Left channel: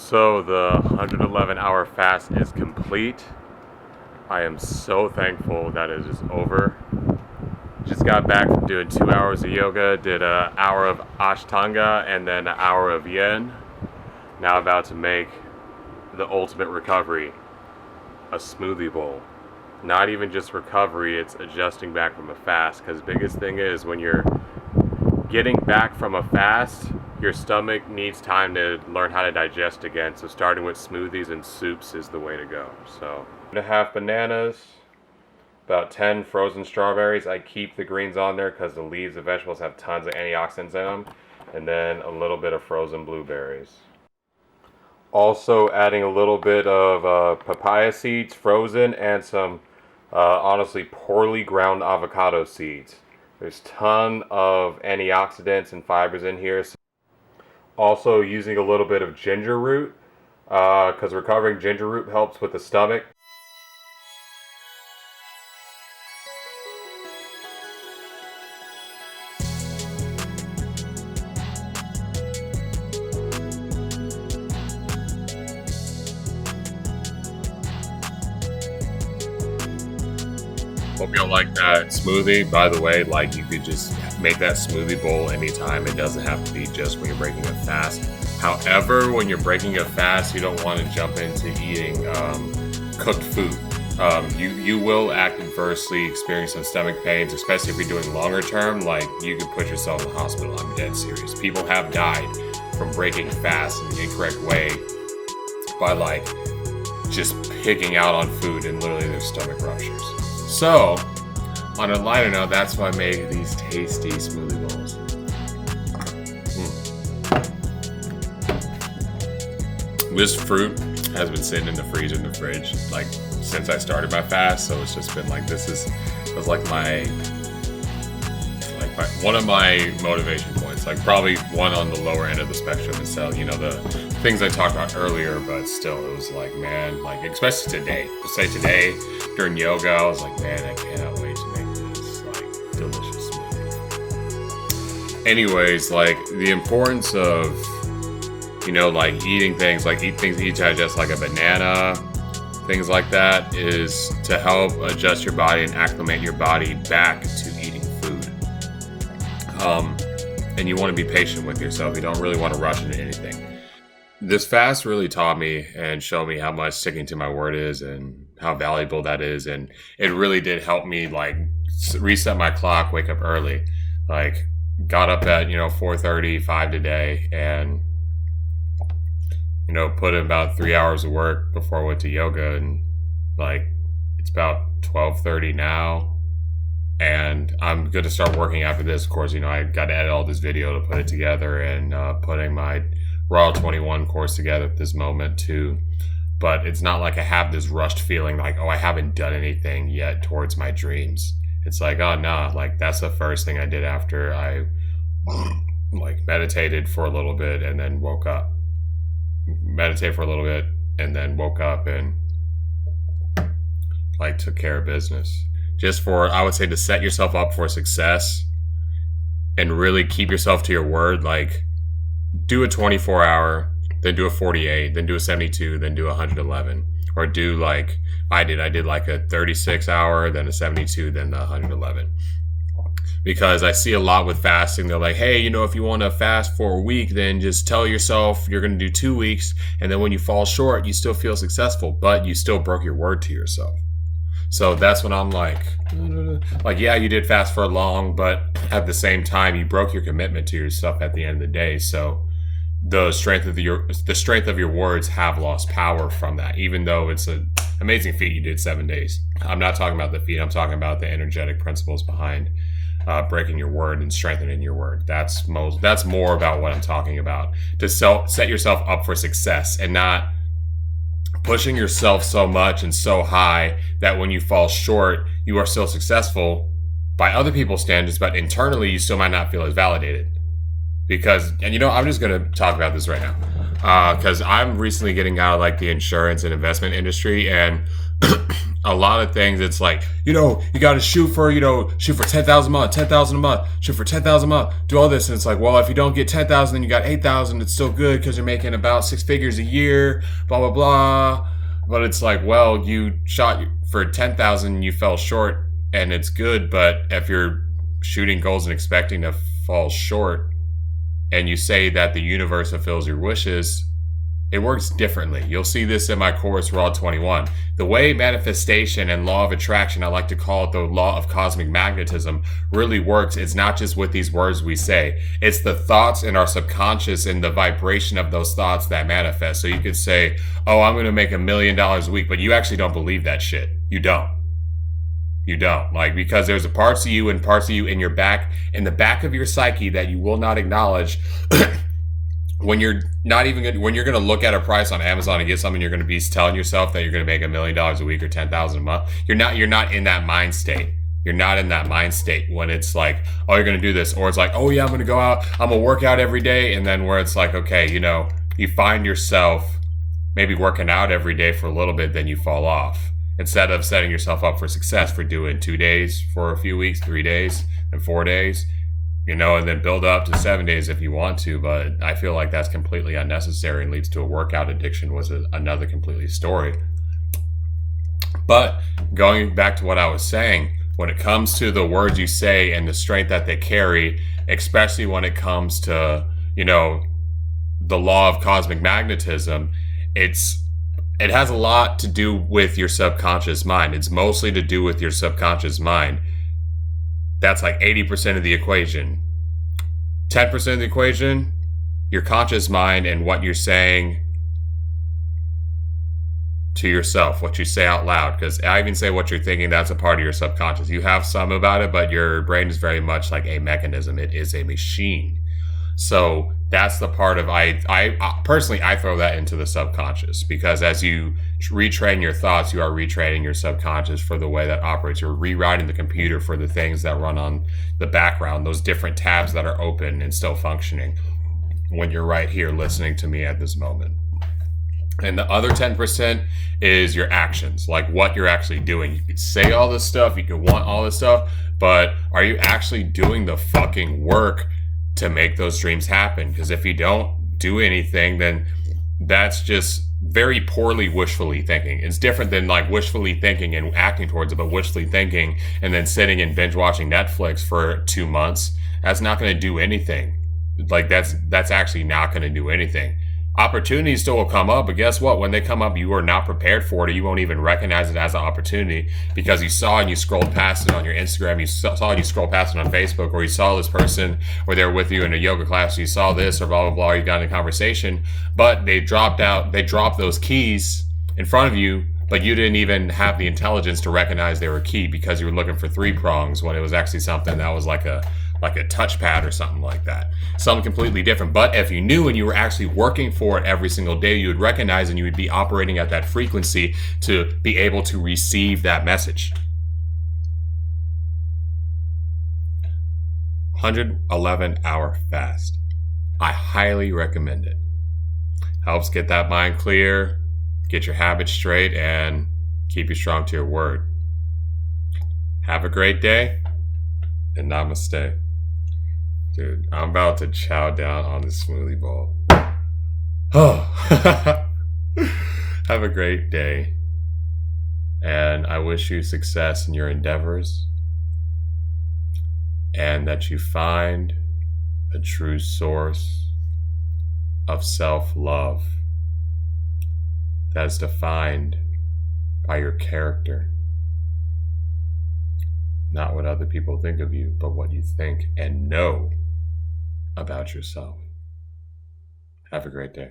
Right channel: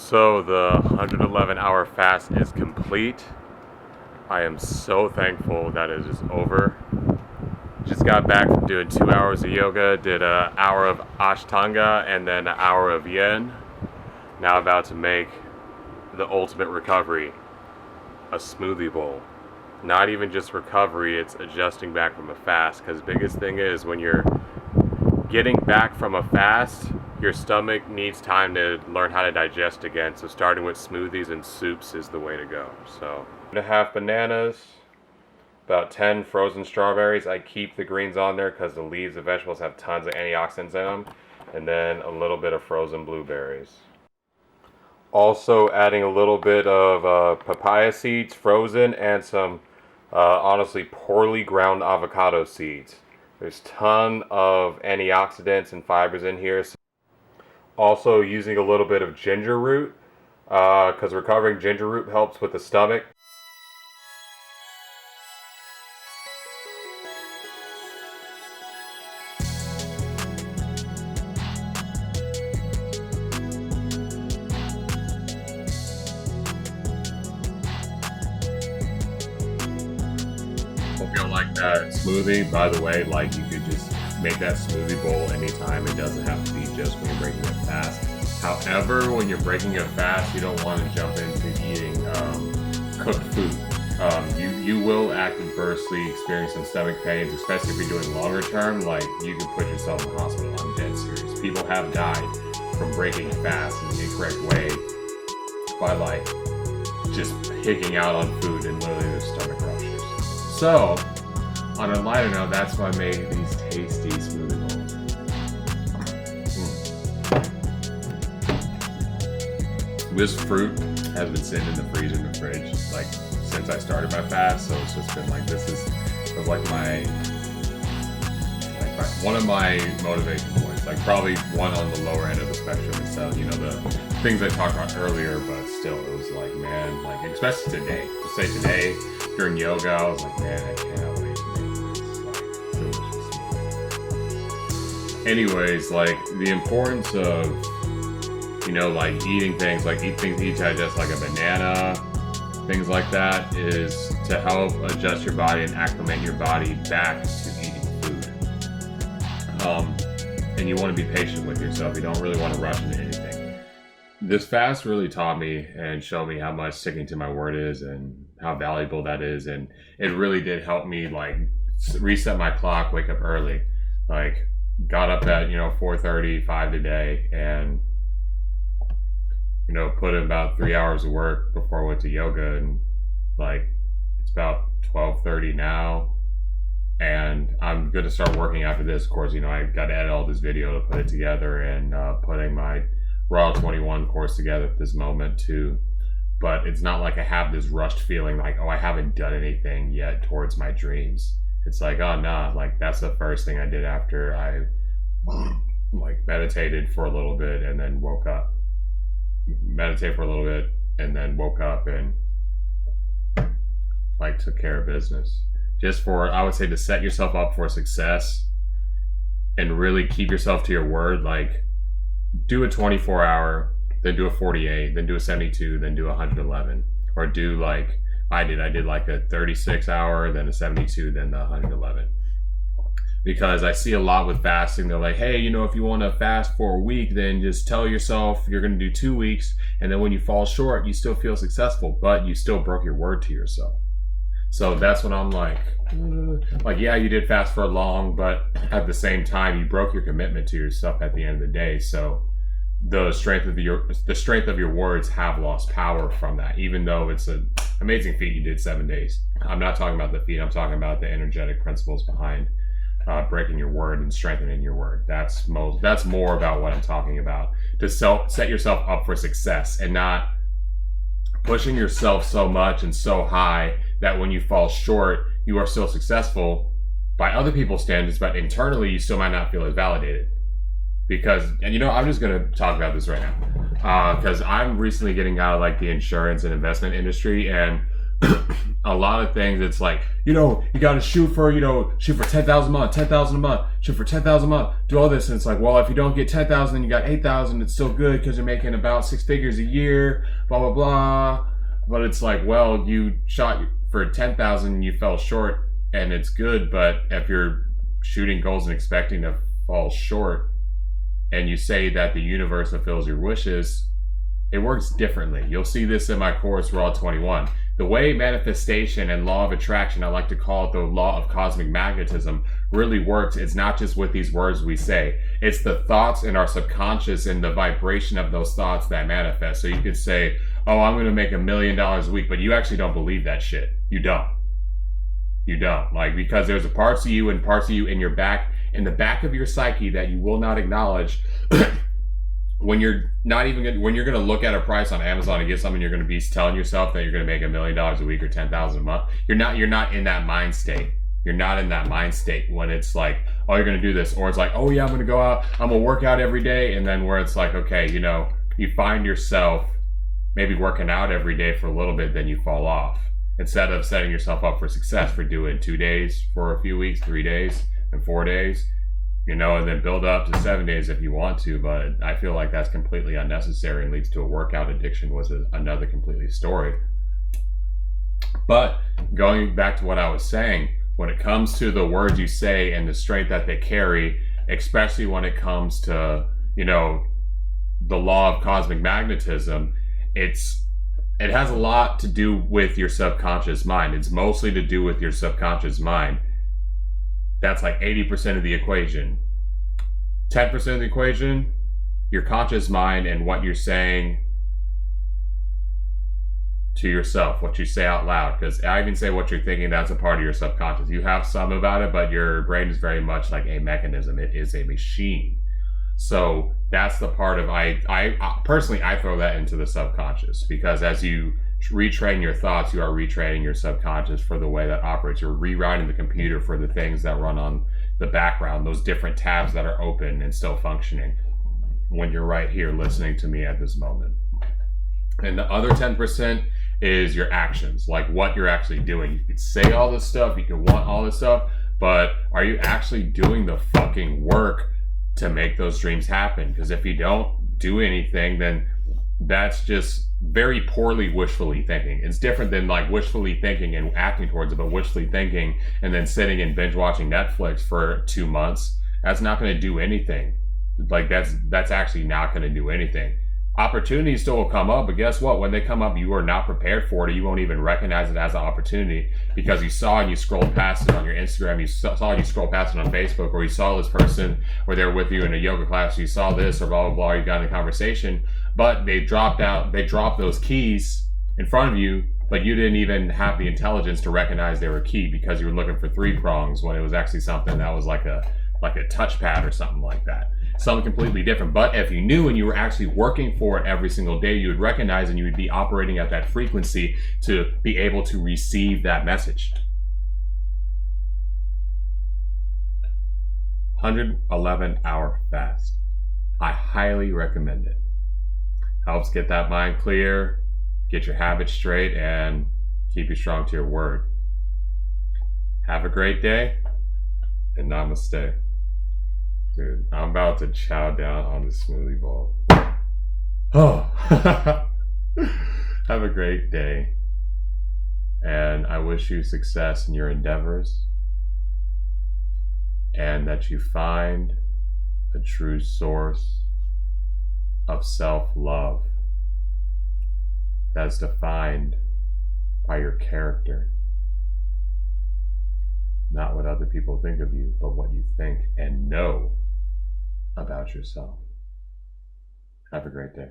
So the 111-hour fast is complete. I am so thankful that it is over. Just got back from doing 2 hours of yoga, did an hour of Ashtanga, and then an hour of Yen. Now about to make the ultimate recovery, a smoothie bowl. Not even just recovery, it's adjusting back from a fast. Because biggest thing is when you're getting back from a fast, your stomach needs time to learn how to digest again. So starting with smoothies and soups is the way to go. So 1.5 bananas, about 10 frozen strawberries. I keep the greens on there because the leaves of vegetables have tons of antioxidants in them. And then a little bit of frozen blueberries. Also adding a little bit of papaya seeds, frozen, and some honestly poorly ground avocado seeds. There's a ton of antioxidants and fibers in here. Also using a little bit of ginger root, because recovering ginger root helps with the stomach. Hope y'all like that smoothie. By the way, like, you could just make that smoothie bowl anytime. It doesn't have to be just when you're breaking a fast. However, when you're breaking a fast, you don't want to jump into eating cooked food. You will adversely experience some stomach pains, especially if you're doing longer term. Like, you could put yourself in the hospital. I'm dead serious. People have died from breaking fast in the incorrect way by like just picking out on food and literally their stomach ruptures. So, on a lighter note, that's why I made these tasty smoothie bowls. This fruit has been sitting in the freezer in the fridge like since I started my fast, so it's just been like it was like one of my motivation points, like probably one on the lower end of the spectrum instead, you know, the things I talked about earlier, but still it was like, man, like especially today, during yoga, I was like, man, I cannot wait to make this like delicious smoothie. Anyways, like the importance of, you know, like eating things digest, like a banana, things like that, is to help adjust your body and acclimate your body back to eating food. And you want to be patient with yourself. You don't really want to rush into anything. This fast really taught me and showed me how much sticking to my word is and how valuable that is. And it really did help me like reset my clock, wake up early. Like got up at, 4:35 today and, put in about 3 hours of work before I went to yoga. And like, it's about 12:30 now. And I'm going to start working after this. Of course, I got to edit all this video to put it together and putting my Raw 21 course together at this moment too. But it's not like I have this rushed feeling like, oh, I haven't done anything yet towards my dreams. It's like, oh, nah, like that's the first thing I did after I like meditated for a little bit and then woke up. Meditate for a little bit and then woke up and like took care of business. Just for, I would say, to set yourself up for success and really keep yourself to your word. Like, do a 24-hour, then do a 48, then do a 72, then do a 111. Or do like I did. I did like a 36-hour, then a 72, then the 111. Because I see a lot with fasting. They're like, hey, if you want to fast for a week, then just tell yourself you're going to do 2 weeks. And then when you fall short, you still feel successful, but you still broke your word to yourself. So that's when I'm like, yeah, you did fast for long, but at the same time, you broke your commitment to yourself at the end of the day. So the strength of your words have lost power from that, even though it's an amazing feat you did 7 days. I'm not talking about the feat. I'm talking about the energetic principles behind breaking your word and strengthening your word. That's more about what I'm talking about. To set yourself up for success and not pushing yourself so much and so high that when you fall short, you are still successful by other people's standards, but internally you still might not feel as validated. Because, and I'm just going to talk about this right now, because I'm recently getting out of like the insurance and investment industry, and a lot of things, it's like, you got to shoot for 10,000 a month, 10,000 a month, shoot for 10,000 a month, do all this. And it's like, well, if you don't get 10,000, then you got 8,000. It's still good because you're making about 6 figures a year, blah, blah, blah. But it's like, well, you shot for 10,000, you fell short, and it's good. But if you're shooting goals and expecting to fall short, and you say that the universe fulfills your wishes, it works differently. You'll see this in my course, Raw 21. The way manifestation and law of attraction, I like to call it the law of cosmic magnetism, really works. It's not just with these words we say. It's the thoughts in our subconscious and the vibration of those thoughts that manifest. So you could say, oh, I'm going to make $1 million a week, but you actually don't believe that shit. You don't. You don't. Like, because there's parts of you and parts of you in your back, in the back of your psyche that you will not acknowledge. When you're not even good, when you're going to look at a price on Amazon and get something, you're going to be telling yourself that you're going to make $1 million a week or 10,000 a month. You're not in that mind state. You're not in that mind state when it's like, oh, you're going to do this. Or it's like, oh yeah, I'm going to go out, I'm going to work out every day. And then where it's like, okay, you find yourself maybe working out every day for a little bit, then you fall off. Instead of setting yourself up for success for doing 2 days for a few weeks, 3 days, and 4 days, and then build up to 7 days if you want to. But I feel like that's completely unnecessary and leads to a workout addiction, was another completely story. But going back to what I was saying, when it comes to the words you say and the strength that they carry, especially when it comes to, the law of cosmic magnetism, it has a lot to do with your subconscious mind. It's mostly to do with your subconscious mind. That's like 80% of the equation. 10% of the equation, your conscious mind and what you're saying to yourself, what you say out loud. Because I even say what you're thinking, that's a part of your subconscious. You have some about it, but your brain is very much like a mechanism. It is a machine. So that's the part of, I personally, I throw that into the subconscious, because as you retrain your thoughts, you are retraining your subconscious for the way that operates. You're rewriting the computer for the things that run on the background, those different tabs that are open and still functioning when you're right here listening to me at this moment. And the other 10% is your actions, like what you're actually doing. You can say all this stuff, you can want all this stuff, but are you actually doing the fucking work to make those dreams happen? Because if you don't do anything, then that's just very poorly wishfully thinking. It's different than like wishfully thinking and acting towards it, but wishfully thinking and then sitting and binge watching Netflix for 2 months, that's not going to do anything. Like that's actually not going to do anything. Opportunities still will come up, but guess what? When they come up, you are not prepared for it. You won't even recognize it as an opportunity because you saw and you scrolled past it on your Instagram. You saw and you scrolled past it on Facebook, or you saw this person or they're with you in a yoga class. You saw this or blah, blah, blah. You got in a conversation, but they dropped those keys in front of you, but you didn't even have the intelligence to recognize they were key because you were looking for 3 prongs when it was actually something that was like a touchpad or something like that. Something completely different. But if you knew and you were actually working for it every single day, you would recognize and you would be operating at that frequency to be able to receive that message. 111-hour fast. I highly recommend it. Helps get that mind clear, get your habits straight, and keep you strong to your word. Have a great day, and namaste. Dude, I'm about to chow down on this smoothie bowl. Oh, have a great day. And I wish you success in your endeavors, and that you find a true source of self-love that is defined by your character. Not what other people think of you, but what you think and know about yourself. Have a great day.